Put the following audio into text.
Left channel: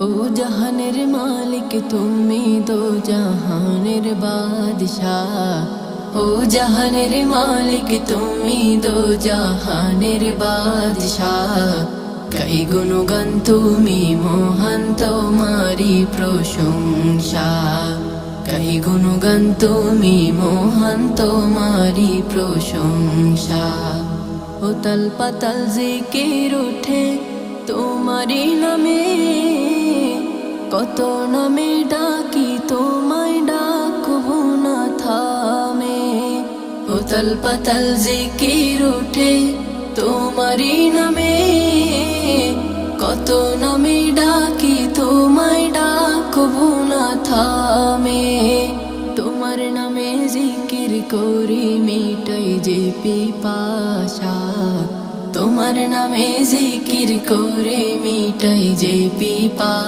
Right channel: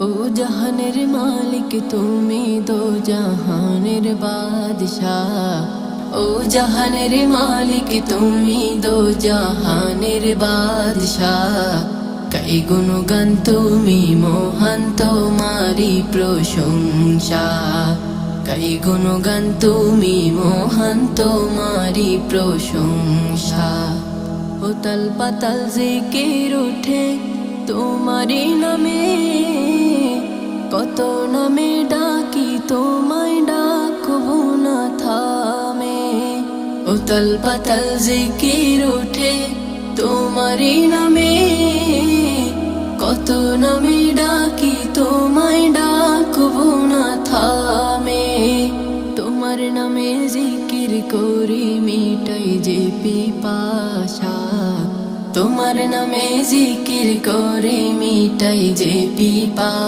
ও জাহানের মালিক তুমি দো জাহানের বাদশাহ। ও জাহানের মালিক তুমি দো জাহানের বাদশাহ। কই গুণগান তুমি মহান তোমারি প্রশংসা। কই গুণগান তুমি মহান তোমারি প্রশংসা। ও তাল পাতাল জিকির ওঠে তোমারি নামে, কত নামে ডাকি তোমায় ডাকবো না থামে। উতল পাতাল জিকির ওঠে তোমারি নামে, কত নামে ডাকি তোমায় ডাকবো না থামে। তোমার নামে জিকির করি মিটাই যে পিপাসা। তোমার নামে জিকির করে মিটাই যে পিপাসা।